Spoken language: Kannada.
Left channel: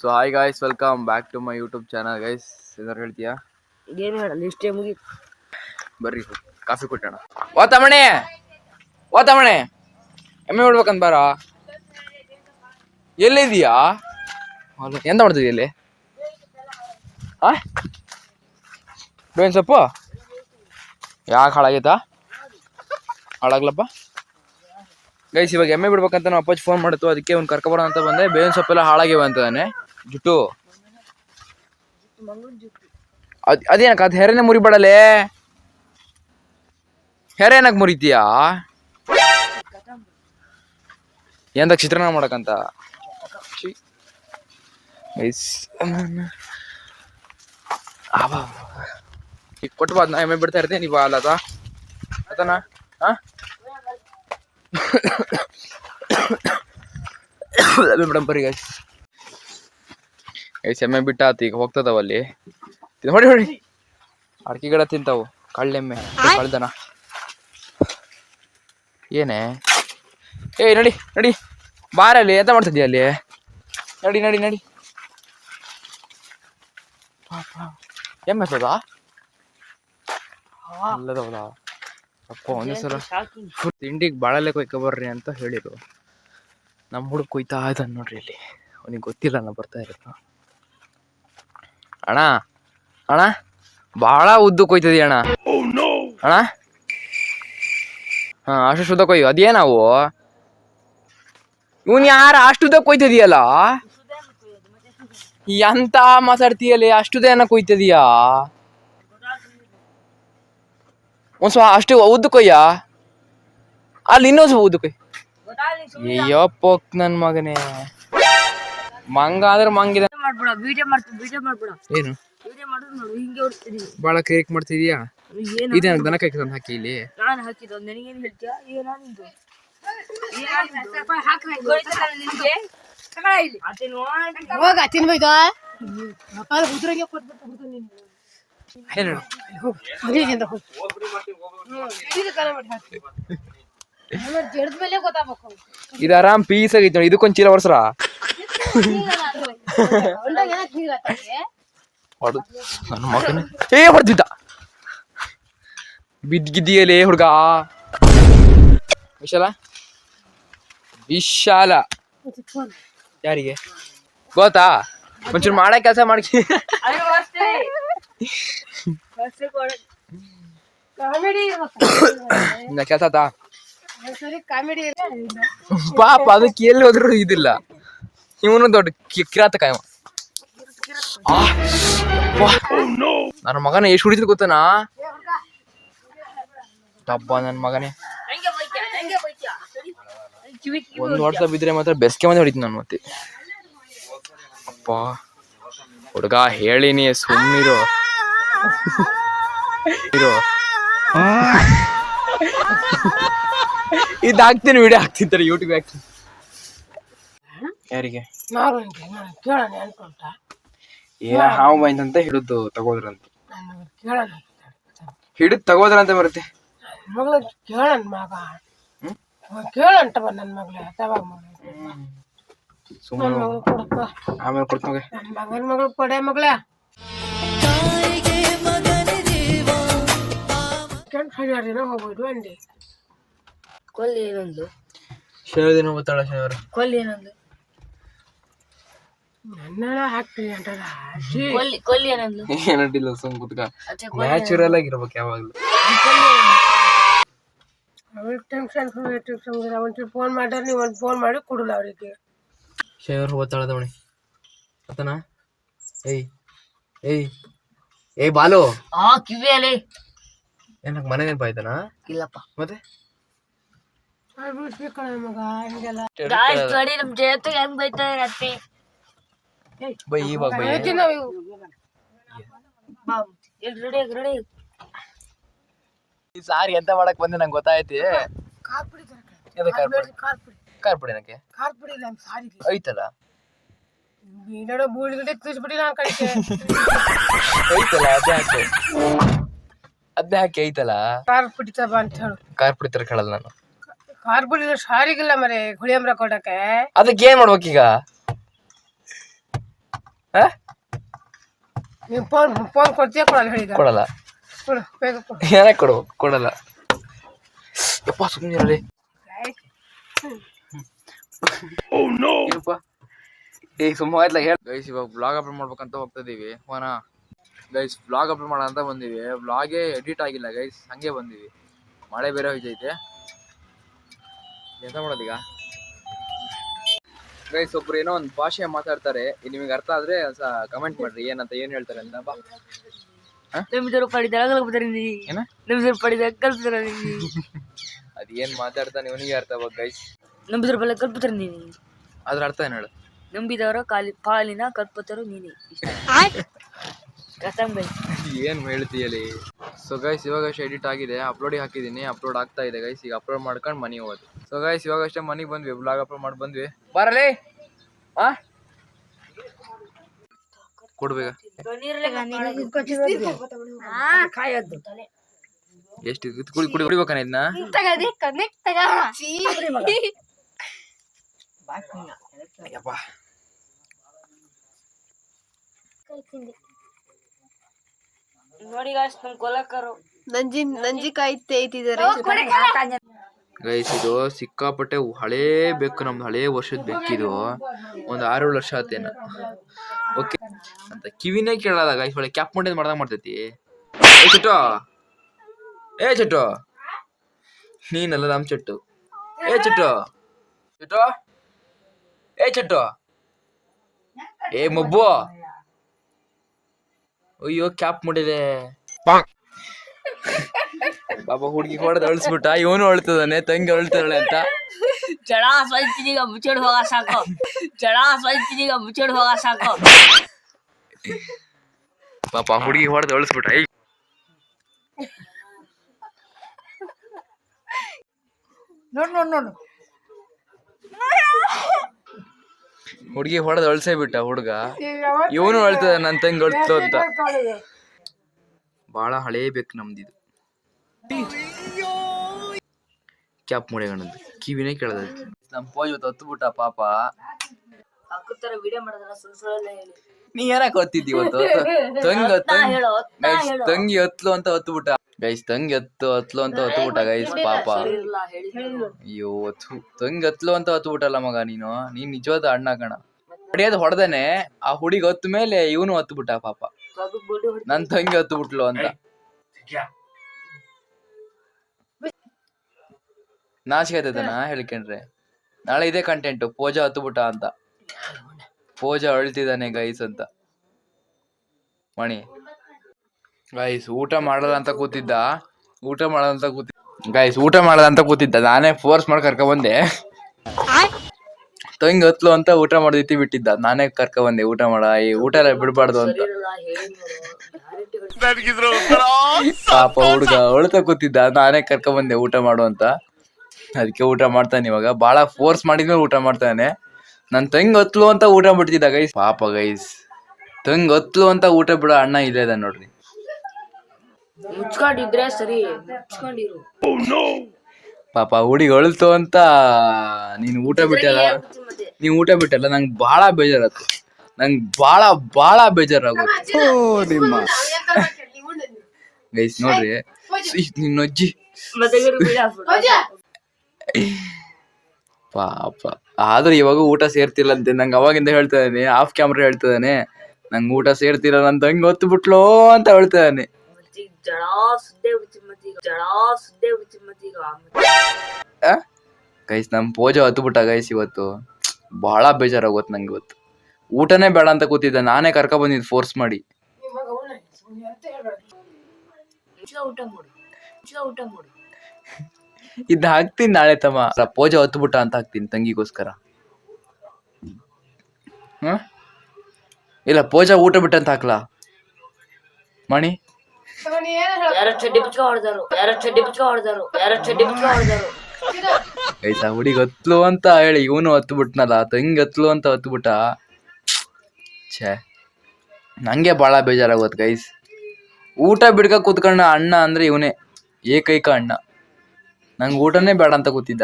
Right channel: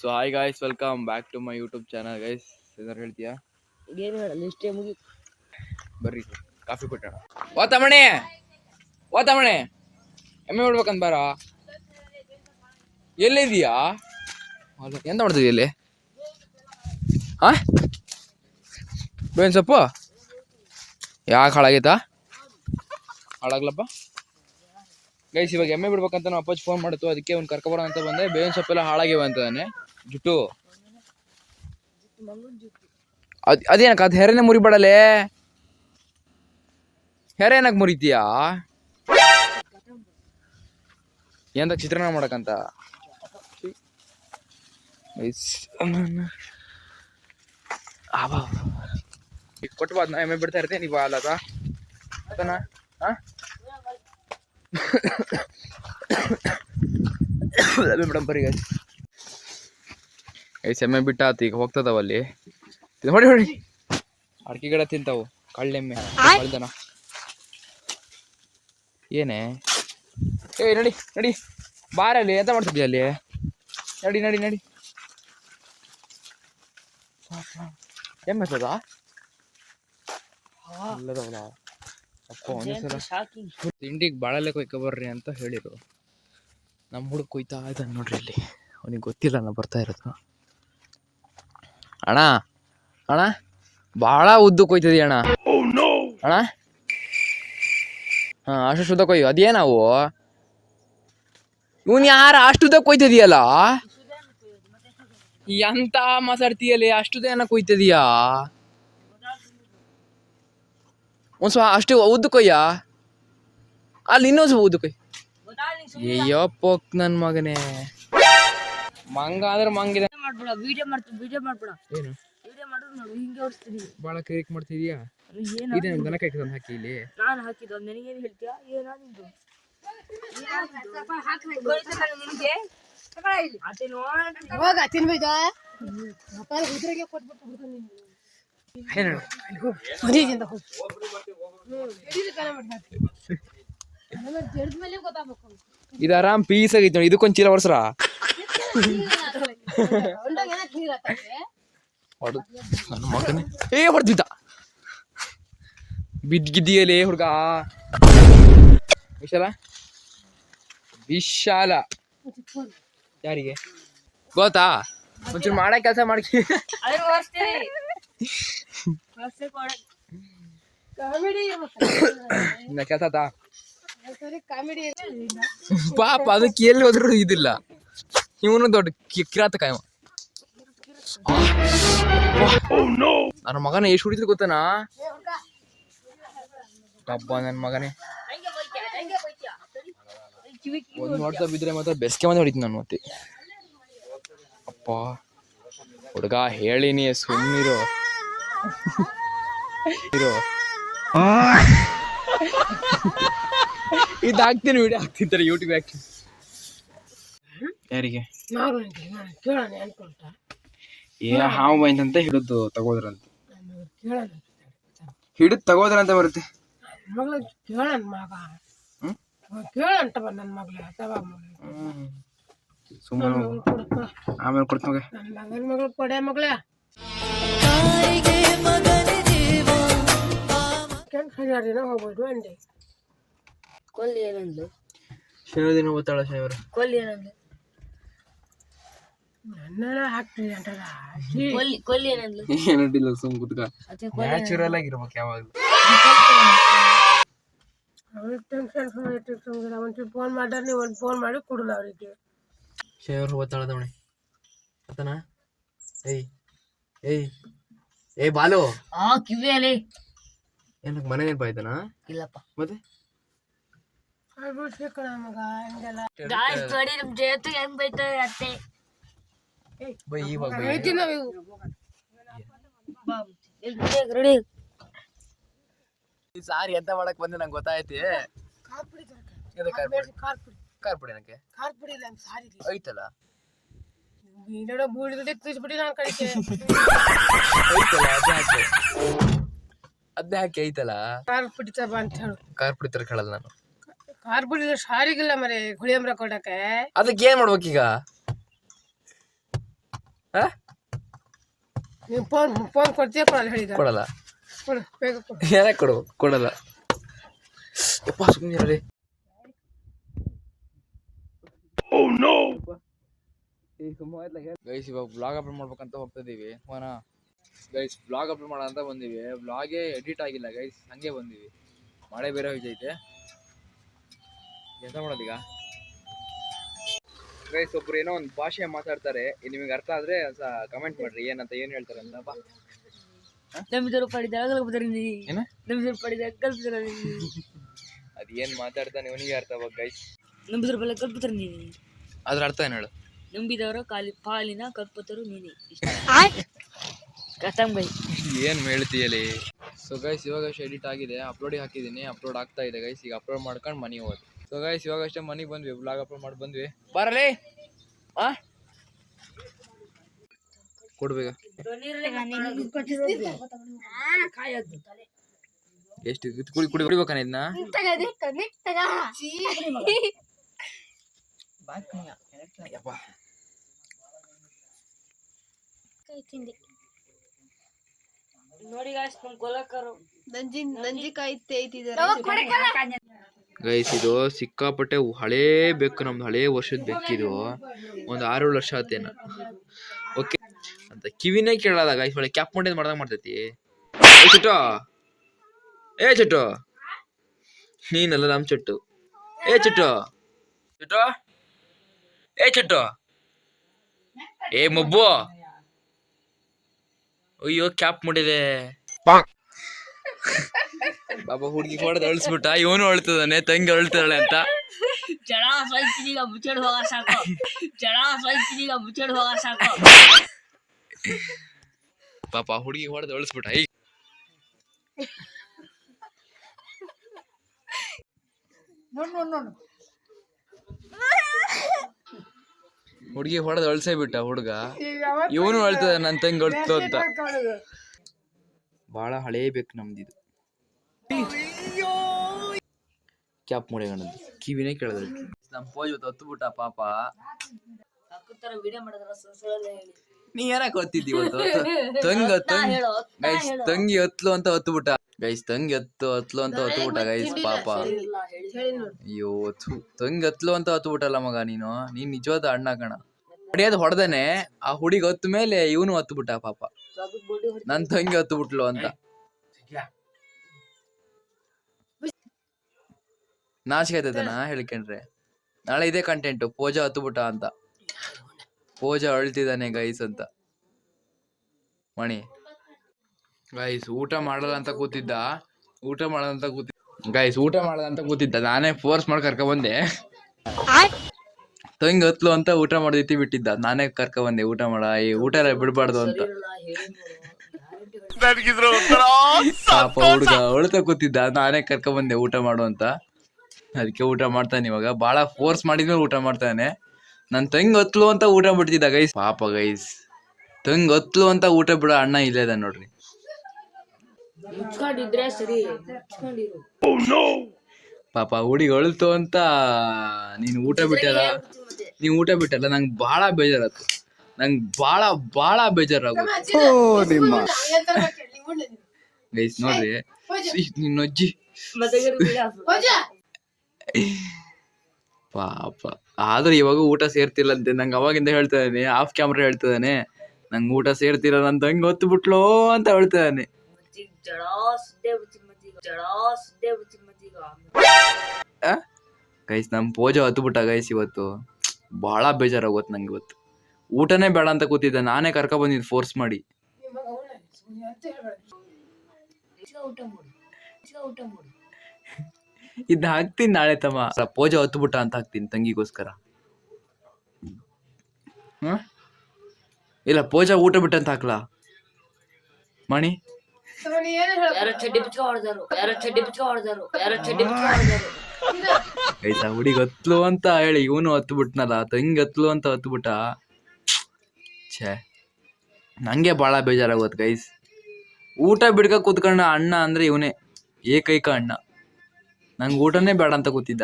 So hi guys, welcome back to my YouTube channel guys. ಏನಾರು ಹೇಳ್ತೀಯಾ? ಏನು ಹೇಳಲ್ಲ, ಇಷ್ಟೇ ಮುಗಿ. ಬರ್ರಿ ಕಾಫಿ ಕೊಟ್ಟೋಣ. ಓ ತಮಣೆ ಎಮ್ಮೆ ಬಿಡ್ಬೇಕಂತ ಬಾರ. ಎಲ್ಲಿದೀಯಾ? ಎಂತ ಮಾಡ್ತಿದ್ದೀಯ ಇಲ್ಲಿ? ಬೇವಿನ ಸೊಪ್ಪು ಯಾಕೆ ಹಾಳಾಗೈತಾ? ಹಾಳಾಗ್ಲಪ್ಪ ಗೈಸ್. ಇವಾಗ ಎಮ್ಮೆ ಬಿಡ್ಬೇಕಂತ ನಮ್ಮ ಅಪ್ಪಾಜಿ ಫೋನ್ ಮಾಡಿತ್ತು, ಅದಕ್ಕೆ ಒಂದು ಕರ್ಕೊಬರೋ ಅಂತ ಬಂದೆ. ಬೇವಿನ ಸೊಪ್ಪೆಲ್ಲ ಹಾಳಾಗಿವೆ ಅಂತಾನೆ ಜುಟ್ಟು. ಅದೇನಕ್ಕ ಅದು ಹೆರೆನೆ ಮುರಿಬೇಡಲೇ. ಹೆರೆ ಏನಕ್ಕೆ ಮುರಿತೀಯಾ? ಎಂದ ಚಿತ್ರಾನ್ನ ಮಾಡಕಂತ ಗೈಸ್. ಈಗ ಕೊಟ್ಟು ನಾ ಎಮ್ಮೆ ಬಿಡ್ತಾ ಇರ್ತೀನಿ, ನೀವು ಅಲ್ಲದ ಆತನಾ? ಮೇಡಮ್ ಬರ್ರಿ ಗೈಸ್. ಎಮ್ಮೆ ಬಿಟ್ಟಾತು, ಈಗ ಹೋಗ್ತದವ ಅಲ್ಲಿ. ಹೊಡಿ ಅಡಿಕೆ ಗಿಡ ತಿಂತಾವು ಕಳ್ಳೆಮ್ಮೆ ಕಳ್ದನ. ಏನೇ ನಡಿ ನಡಿ ಬಾರಲ್ಲಿ, ಎಂತ ಮಾಡ್ತಿದ್ದೀಯ ಅಲ್ಲಿ? ನಡಿ ನಡಿ ನಡಿ. ಎಮ್ಮೆ ಸದಾ ಅಲ್ಲದವಲ್ಲ ಅಪ್ಪ. ಒಂದೇ ಸಲ ತಿಂಡಿಗೆ ಬಾಳಲೆ ಕೊಯ್ಕೊಬರ್ರಿ ಅಂತ ಹೇಳಿರು. ನಮ್ಮ ಹುಡುಗ ಕೊಯ್ತಾ ಇದ್ದಾನೆ ನೋಡ್ರಿ ಇಲ್ಲಿ. ಅವನಿಗೆ ಗೊತ್ತಿಲ್ಲ ನಾ ಬರ್ತಾ ಇರೋದು. ಅಣ್ಣ ಅಣ್ಣ ಭಾಳ ಉದ್ದು ಕೊಯ್ತದಿ ಅಣ್ಣ. ಅಣ್ಣ ಹಾಂ, ಅಷ್ಟು ಶುದ್ಧ ಕೊಯ್ಯು. ಅದೇನಾವು ಇವನ್ ಯಾರ ಅಷ್ಟುದ ಕೊಯ್ತದಿಯಲ್ಲ? ಎಂತ ಮಾತಾಡ್ತೀಯಲ್ಲಿ? ಅಷ್ಟುದೇನ ಕೊಯ್ತದಿಯಾ? ಒಂದ್ ಸ್ವಲ್ಪ ಅಷ್ಟು ಉದ್ದು ಕೊಯ್ಯ. ಅಲ್ಲಿ ಇನ್ನೊಂದು ಸ್ವಲ್ಪ ಉದ್ದು ಕೊಯ್. ಅಯ್ಯಪ್ಪೋಕ್ ನನ್ ಮಗನೇ. ಮಂಗ ಅಂದ್ರೆ ಮಂಗಿದ. ಏನು ಬಾಳ ಕೇಕ್ ಮಾಡ್ತಿದ್ಯಾ? ಇದೇನ ದನ ಕೈ ತಂದು ಹಾಕಿ ಇಲ್ಲಿ. ನಾನು ಹಾಕಿದ್ದು ನನಗೇನು ಹೇಳ್ತೀಯಾ? ಇದು ಆರಾಮ್ ಪೀಸ್ ಆಗೈತಿ ನೋಡಿ. ಇದಕ್ಕೊಂದ್ ಚೀಲ ವರ್ಷರ ನನ್ನ ಮಗನ ಹೊಡೆದಿದ್ದ. ಬಿದ್ದಿದ್ದಿಯಲೇ ಹುಡುಗ. ವಿಶಾಲ ಯಾರಿಗೆ ಗೊತ್ತಾ? ಒಂಚೂರು ಮಾಡೋ ಕೆಲಸ ಮಾಡ್ಕಿ. ಕೆಲಸ ಪಾಪ ಅದಕ್ಕೆ ಎಲ್ಲಿ ಹೋದ್ರು ಇದಿಲ್ಲ. ಇವನು ದೊಡ್ಡ ಕಿರಾತಕ ಇವ. ನನ್ನ ಮಗನ ಎಷ್ಟು ಹೊಡಿದ್ರು ಗೊತ್ತನಾ? ಡಬ್ಬ ನನ್ನ ಮಗನೇ. ಒಂದು ವರ್ಷ ಬಿದ್ರೆ ಮಾತ್ರ ಬೆಸ್ಕೆ ಮಂದಿ ಹೊಡಿತೀನಿ ನಾನು ಮತ್ತೆ. ಅಪ್ಪ ಹುಡುಗ ಹೇಳಿನಿ ಸುಮ್ಮನಿರು. ಇದು ಹಾಕ್ತೀನಿ, ವಿಡಿಯೋ ಹಾಕ್ತಿರ್ತಾರೆ ಯೂಟ್ಯೂಬ್ ಹಾಕ್ತೀನಿ. ಯಾರಿಗೆ ಹಾವು ಬೈಂದಂತ ಹಿಡಿದು ತಗೋದ್ರಂತ. ಹಿಡಿದು ತಗೋದ್ರಂತ ಬರುತ್ತೆ. ಆಮೇಲೆ ಕೊಡ್ತ ಹೋಗ್ಬೋದು ಅಂಡಿ. ಕೊಲ್ಲಿ ಏನಂದ್ಲು? ಶನಿವಾರ ಗೊತ್ತಾಳ. ಶನಿವಾರ ಕೊಲ್ಲಿ ಏನಂದ್ಲು? ನನ್ನ ಹಾಕ್ತೀನಿ ಅಂತಲ್ಲ. ಕೊಲ್ಲಿ ಏನಂದ್ಲು? ಏನಂಟಿಲ್ಲ, ಸುಮ್ ಕುತ್ಕ. ನ್ಯಾಚುರಲ್ ಆಗಿರ್ಬೇಕು ಯಾವಾಗ್ಲೂ. ಒಂಚೂರು ಫೋನ್ ಮಾಡ್ರೆ ನೀವು ಒಂದು ಫೋನ್ ಮಾಡಿ ಕೊಡಲ್ಲ ಅವರಿಗೆ. ಶನಿವಾರ ಗೊತ್ತಾಳ ದವಣಿ ಆತನ. ಏಯ್ ಬಾಲು ಕಿವಿಯಲ್ಲಿ ಏನಕ್ಕೆ ಮನೆ ನೆನಪಾಯ್ತಾನ? ಇಲ್ಲಪ್ಪ ಮತ್ತೆ ಬೈ ಇವಾಗ ಸಾರಿ ಎಂತ ಮಾಡಕ್ ಬಂದೆ ನಂಗೆ ಗೊತ್ತಾಯ್ತಿ. ಖಾರ ಪುಡಿ ಏನಕ್ಕೆ ಐತಲ್ಲ? ಅದ್ನೇ ಹಾಕಿ ಐತಲ್ಲ. ಖಾರ ಪುಡಿ ಅಂತ ಹೇಳು. ಖಾರ ಪುಡಿ ತರ ಕೇಳಲ್ಲ ನಾನು. ಖಾರ ಪುಡಿ ಸಾರಿಗಿಲ್ಲ ಮರೆ ಗುಳಿಯಂಬ್ರ ಕೊಡಕ್ಕೆ. ಅದಕ್ಕೆ ಏನ್ ಮಾಡ್ಬೇಕೀಗ? ನೀವು ಫೋನ್ ಕೊಡ್ತೀಯ ಕೊಡಲ್ಲ ಹೇಳಿದ ಕೊಡಲ್ಲ. ಕೊಡು ಬೇಗ ಕೊಡು. ಏನಕ್ಕೆ ಕೊಡು? ಕೊಡಲ್ಲ. ಯಪ್ಪ ಸುಮ್ಮನೆ ಏ ಸುಮ್ಮ ಆಯ್ತಲ್ಲ ಹೇಳ. ಗೈಸ್ ಇವಾಗ ಬ್ಲಾಗ್ ಅಪ್ಲೋಡ್ ಮಾಡ್ಬೇಕಂತ ಹೋಗ್ತಾ ಇದೀವಿ. ಹೋನಾ ಗೈಸ್ ಬ್ಲಾಗ್ ಅಪ್ಲೋಡ್ ಮಾಡೋಣ ಅಂತ ಬಂದೀವಿ. ಬ್ಲಾಗೇ ಎಡಿಟ್ ಆಗಿಲ್ಲ ಗೈಸ್, ಹಂಗೆ ಬಂದೀವಿ. ಮಳೆ ಬೇರೆ ಹೋಯ್ತೈತೆ, ಎಂತ ಮಾಡೋದೀಗ? ಗೈಸ್ ಒಬ್ರು ಏನೋ ಒಂದು ಭಾಷೆ ಮಾತಾಡ್ತಾರೆ, ನಿಮಗೆ ಅರ್ಥ ಆದ್ರೆ ಕಮೆಂಟ್ ಮಾಡ್ರಿ ಏನಂತ, ಏನ್ ಹೇಳ್ತಾರೆ ಅಂತ. ಬಾ ಏನ ಅದ್ ಏನ್ ಮಾತಾಡ್ತಾನೆ ಇವನಿಗೆ ಅರ್ಥ ಆಗ ಗೈಸ್. ಅದ್ರ ಅರ್ಥ ಏನ್ ಹೇಳು? ನಂಬಿದವರ ಪಾಲಿನ ಕಲ್ಪತರು ನೀನೆ. ಏನ್ ಹೇಳ್ತೀಯಲಿ? ಸೊ ಗೈಸ್ ಇವಾಗಷ್ಟೇ ಎಡಿಟ್ ಆಗಿದೆ, ಅಪ್ಲೋಡಿಗೆ ಹಾಕಿದ್ದೀನಿ, ಅಪ್ಲೋಡ್ ಆಗ್ತಾ ಇದೆ ಗೈಸ್. ಈಗ ಅಪ್ಲೋಡ್ ಮಾಡ್ಕೊಂಡು ಮನೆಗೆ ಹೋಗೋದು. ಸೊ ಗೈಸ್ ಇವಾಗಷ್ಟೇ ಮನೆಗೆ ಬಂದ್ವಿ, ಬ್ಲಾಗ್ ಅಪ್ಲೋಡ್ ಮಾಡಿ ಬಂದ್ವಿ. ಬಾರಲೇ ಕೊಡ್ಬೇಕ ಎಷ್ಟು ಕುಡಿಬೇಕಾನ ಇದನ್ನ? ನೋಡಿ ಗಾಯ್ಸ್ ನಮ್ ಕೊಲಕರು ನಂಜಿಕಾಯಿ ತೇಯ್ತಿದ್ದಾರೆ. ಗೈಸ್ ಇದು ಸಿಕ್ಕಾಪಟ್ಟೆ ಹಳೇ ಬೆಕ್ಕು, ನಮ್ದು ಹಳೇ ವರ್ಷದ ಬೆಕ್ಕಿದು. ಒಂದು 6-7 ವರ್ಷ ಆತೇನ. ಓಕೆ ಅಂತ ಕಿವಿನೇ ಕೇಳಲ್ಲ ಗೈಸ್, ಒಳ್ಳೆ ಕ್ಯಾಪ್ ಮಾಡಿದ್ ಮಾಡ್ದಂಗ್ ಮಾಡ್ತೈತಿ. ಚುಟ್ಟು ಏ ಚುಟ್ಟು, ನೀನಲ್ಲ ನಮ್ ಚುಟ್ಟು. ಏ ಚುಟ್ಟು ಚುಟ್ಟು ಏ ಚುಟ್ಟು ಏ ಮೊಬ್ಬು, ಅಯ್ಯೋ ಕ್ಯಾಪ್ ಮಾಡಿದೆ. ಬಾಬಾ ಹುಡುಗಿ ಹೊಡೆದು ಅಳಿಸ್ಬಿಟ್ಟ, ಇವನು ಅಳ್ತದಾನೆ, ತಂಗಿ ಅಳ್ತಾಳೆ ಅಂತ. ಜಡ ಸ್ವಲ್ಪೀಗ ಮುಚ್ಚಡ್ ಹೋಗ ಸಾಕು, ಜಡ ಸ್ವಲ್ಪೀಗ ಮುಚ್ಚಡ್ ಹೋಗ ಸಾಕು. ಪಾಪ ಹುಡುಗಿ ಹೊಡೆದು ಅಳಿಸ್ಬಿಟ್ಟ. ನೋಡು ಹುಡುಗಿ ಹೊಡೆದು ಅಳ್ಸೇ ಬಿಟ್ಟ ಹುಡುಗ, ಇವನು ಅಳ್ತದ ನನ್ ತಂಗಿ ಅಳ್ತು ಅಂತ. ಬಾಳ ಹಳೇ ಬೇಕು ನಮ್ದಿದು. ಕ್ಯಾಪ್ ಮುಡಿಗಣದ್ದು ಕಿವಿನೇ ಕೇಳದ. ನಮ್ ಪೋಜ್ ಹತ್ತು ಬಿಟ್ಟ ಪಾಪ. ಹಾಕುತ್ತಾರೆ ವಿಡಿಯೋ ಮಾಡಿದ್ರ ಸುಳ್ಳು ಹೇಳಿ. ನೀ ಏನಕ್ಕೆ ಹೊತ್ತಿದ್ದಿ ಇವತ್ತು? ತಂಗಿ ಹತ್ಲು ಅಂತ ಹತ್ತು ಬಿಟ್ಟ ಗೈಸ್, ತಂಗಿ ಹತ್ಲು ಅಂತ ಹತ್ತು ಬಿಟ್ಟ ಗೈಸ್ ಪಾಪ. ಅಯ್ಯೋ ತಂಗಿ ಹತ್ಲು ಅಂತ ಹತ್ತು ಬಿಟ್ಟಲ್ಲ ಮಗ, ನೀನ್ ನಿಜವಾದ ಅಣ್ಣ ಕಣ. ಹೊಡೆಯೋದು ಹೊಡೆದೇನೆ, ಆ ಹುಡುಗಿ ಹತ್ತು ಮೇಲೆ ಇವನು ಹತ್ತು ಬಿಟ್ಟ ಪಾಪ. ನನ್ ತಂಗಿ ಹತ್ತು ಬಿಟ್ಲು ಅಂತ ನಾಚಿಕೆ ಆಯ್ತದನ ಹೇಳ್ಕೊಂಡ್ರೆ. ನಾಳೆ ಇದೇ ಕಂಟೆಂಟ್, ಪೂಜಾ ಹತ್ತು ಬಿಟ್ಟ ಅಂತ, ಪೂಜಾ ಅಳ್ತಿದ್ದಾನೆ ಗೈಸ್ ಅಂತ. ಮಣಿ ಗೈಸ್ ಊಟ ಮಾಡಲ್ಲ ಅಂತ ಕೂತಿದ್ದ, ಊಟ ಮಾಡಲ್ಲ ಅಂತ ಕೂತಿದ್ದ, ನಾನೇ ಫೋರ್ಸ್ ಮಾಡಿ ಕರ್ಕ ಬಂದೆ. ತಂಗಿ ಹತ್ಲು ಅಂತ ಊಟ ಮಾಡಿದ್ತಿ ಬಿಟ್ಟಿದ್ದ, ನಾನೇ ಕರ್ಕ ಬಂದೆ ಊಟ ಮಾಡ, ಈ ಊಟ ಎಲ್ಲ ಬಿಡ್ಬಾರ್ದು ಅಂತ. ಪಾಪ ಹುಡುಗ ಅಳ್ತಾ ಕೂತಿದ್ದ, ನಾನೇ ಕರ್ಕ ಬಂದೆ ಊಟ ಮಾಡು ಅಂತ. ಅದಕ್ಕೆ ಊಟ ಮಾಡ್ತಾನೆ ಇವಾಗ. ಬಾಳ ಫೋರ್ಸ್ ಮಾಡಿದ್ಮೇಲೆ ಊಟ ಮಾಡ್ತಾನೆ. ನನ್ ತಂಗಿ ಹತ್ಲು ಅಂತ ಊಟ ಬಿಡ್ತಿದ್ದ ಗೈಸ್. ಪಾಪ ಗೈಸ್, ತಂಗಿ ಹತ್ಲು ಅಂತ ಊಟ ಬಿಡೋ ಅಣ್ಣ ಇಲ್ಲೇ ಇದ ನೋಡ್ರಿ. ಮುಚ್ಕೊಂಡಿದ್ರೆ ಸರಿ, ಮುಚ್ಕೊಂಡಿರು. ಪಾಪ ಹುಡುಗಿ ಅಳ್ತು ಅಂತ ನೀನ್ ಊಟ ಬಿಟ್ಟಲ್ಲ, ನಂಗೆ ಬಾಳ ಬೇಜಾರತ್ತು. ನಂಗೆ ಬಾಳ ಬೇಜಾರಾಗುತ್ತೆ ನಿಮ್ಮ ಗೈಸ್. ನೋಡ್ರಿ ನಿನ್ನ ಅಜ್ಜಿ ಪಾಪ. ಆದ್ರೂ ಇವಾಗ ಊಟ ಸೇರ್ತಿಲ್ಲ ಅಂತೆ ನಂಗೆ, ಅವಾಗಿಂದ ಹೇಳ್ತಾ ಇದ್ದಾನೆ, ಆಫ್ ಕ್ಯಾಮ್ರಾ ಹೇಳ್ತಾ ಇದ್ದಾನೆ, ನಂಗೆ ಊಟ ಸೇರ್ತಿಲ್ಲ, ನನ್ ತಂಗಿ ಹೊತ್ತು ಬಿಟ್ಲೋ ಅಂತ ಹೇಳ್ತಾ ಇದ್ದಾನೆ. ಗೈಸ್ ನಮ್ ಪೂಜೆ ಹತ್ತು ಬಿಟ್ಟ ಗೈಸ್ ಇವತ್ತು. ಬಹಳ ಬೇಜಾರಾಗೋತ್ ನಂಗೆ ಇವತ್ತು. ಊಟನೇ ಬೇಡ ಅಂತ ಕೂತಿದ್ದ, ನಾನೇ ಕರ್ಕ ಬಂದಿದ್ದು ಫೋರ್ಸ್ ಮಾಡಿ. ಇದ್ ಹಾಕ್ತೀನಿ ನಾಳೆ ತಮ್ಮ, ಪೂಜೆ ಹತ್ತು ಬಿಟ್ಟ ಅಂತ ಹಾಕ್ತೀನಿ ತಂಗಿಗೋಸ್ಕರ. ಇಲ್ಲ ಪೂಜಾ ಊಟ ಬಿಟ್ಟ ಅಂತ ಹಾಕ್ಲಾ ಮಣಿ? ಆಯ್ತಾ ಹುಡುಗಿ ಹತ್ಲು ಅಂತ ಹೇಳಿ ಇವನು ಹತ್ತು ಬಿಟ್ನಲ್ಲ, ತಂಗಿ ಹತ್ಲು ಅಂತ ಹತ್ತು ಬಿಟ್ಟ. ಛೇ ನಂಗೆ ಭಾಳ ಬೇಜಾರಾಗೋದು ಗೈಸ್. ಊಟ ಬಿಡ್ಕ ಕೂತ್ಕೊಂಡ ಅಣ್ಣ ಅಂದ್ರೆ ಇವನೇ, ಏಕೈಕ ಅಣ್ಣ. ನಂಗೆ ಊಟನೇ ಬೇಡ ಅಂತ ಕೂತಿದ್ದ.